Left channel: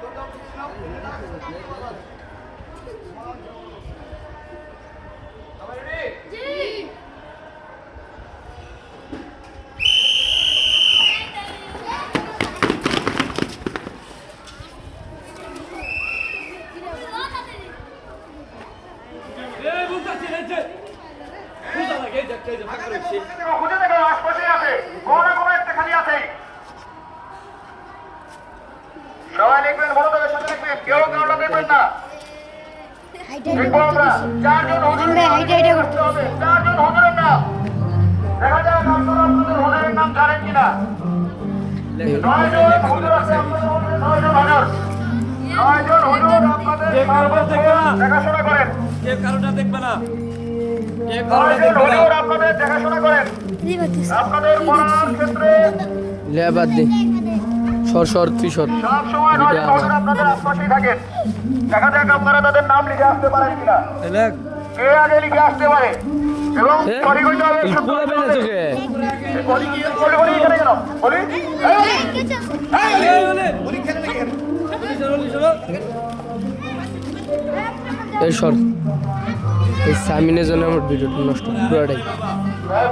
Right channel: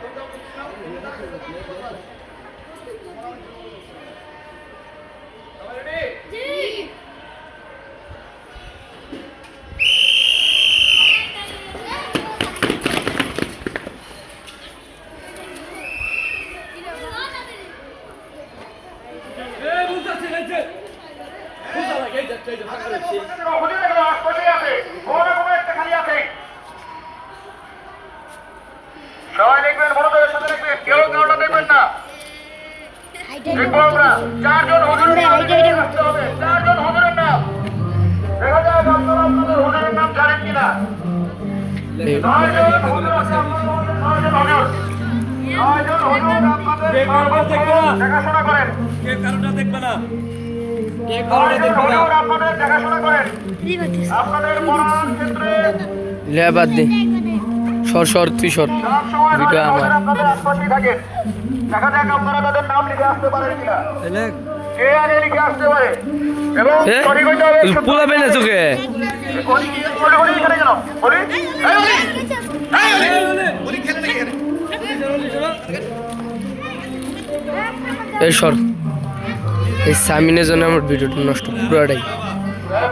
Gracias. দেখব আমরা চারজন হুজুরের নাম লিখে রাখতে হবে। চারজন হুজুরের নাম। দেখা আপনারা আপনাদের হুজুরের নাম জানেন কিনা। নয়জন হুজুর আছে আপনাদের নয়জন হুজুর। নয়জন হুজুর আপনাদের সর্বত্র দেখাশোনা করেন। কে কারোটা দেখবে না? কে কারোটা দেখবে না? আপনাদের দেখাশোনা করেন। আপনাদের পড়ার ক্ষেত্রে লে দে। সর সর তুই সর। ভিডিও আমার। দেখা যাক আপনারা তাদের নাম লিখে আসতে পারেন কিনা। দেখ কে আগে লিখে আসতে পারে। এবং এ? সঠিক হইতে হবে তুই পোলাবে না তোকে। বলি বলি বলি এখানে কেন? বলি। এই এই সর। এই সামিনের জন্য আমার ভিডিওটা নষ্ট পুরোটাই।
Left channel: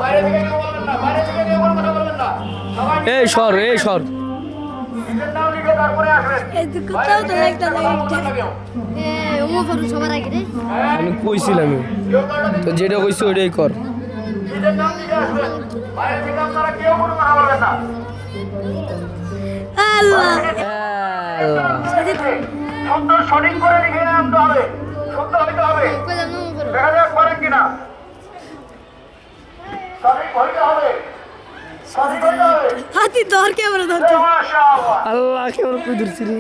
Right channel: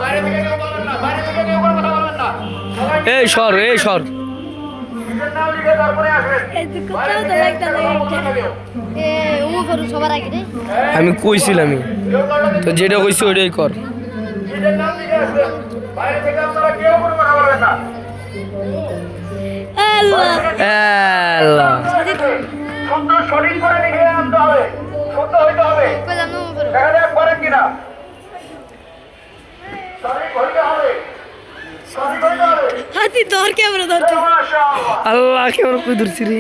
বাইরে থেকে নিয়ে বলবেন না বাইরে থেকে নিয়ে কোনো কথা বলবেন না। সবাই এই সর এই সর। আমি কারও তো যেটা কইছি ওইটাই কর। সঠিক করে লিখে আনতে হবে শব্দ হইতে হবে দেখা যাক পারেন কিনা। সঠিক হইতে হবে হাতি ধর ক্যামেরা ধর আল্লাহ কেমন কই? ধরছি রে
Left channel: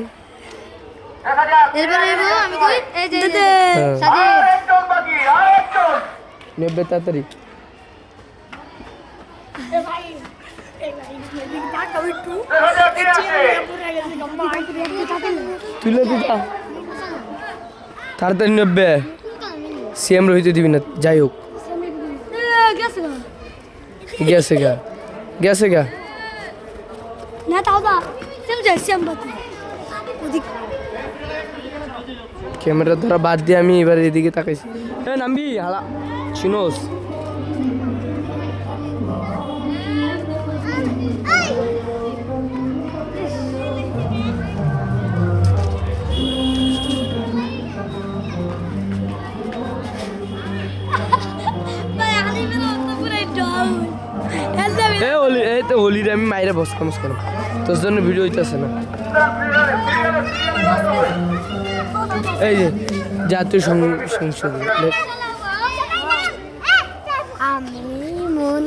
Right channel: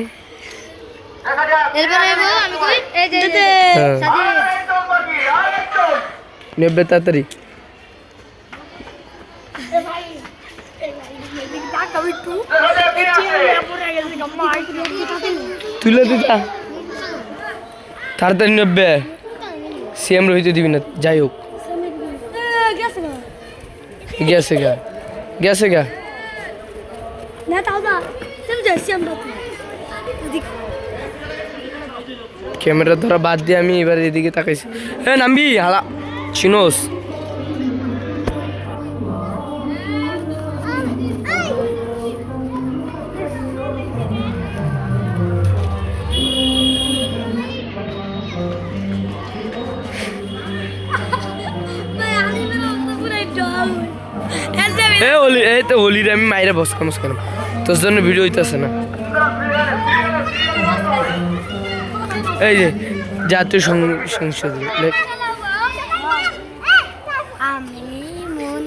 নেবে তাড়াতাড়ি। তুলে দিতা তাড়াতাড়ি নেবে। সিএম রহিতে দিবি না যাই হোক। গেছে গা। গেছে গা। ক্যামেরা ধরা বাদ দিয়ে আমি এবার এদিকে তাকাইছি। এ নামবি হালা। চিনোস। এ হোলি, এই তো হোলির আমি মাইরে বস কামস করলাম তোর জন্য ভিডিও হইতেছে না। এই যে, জাতীয় সংসদ। আমি মন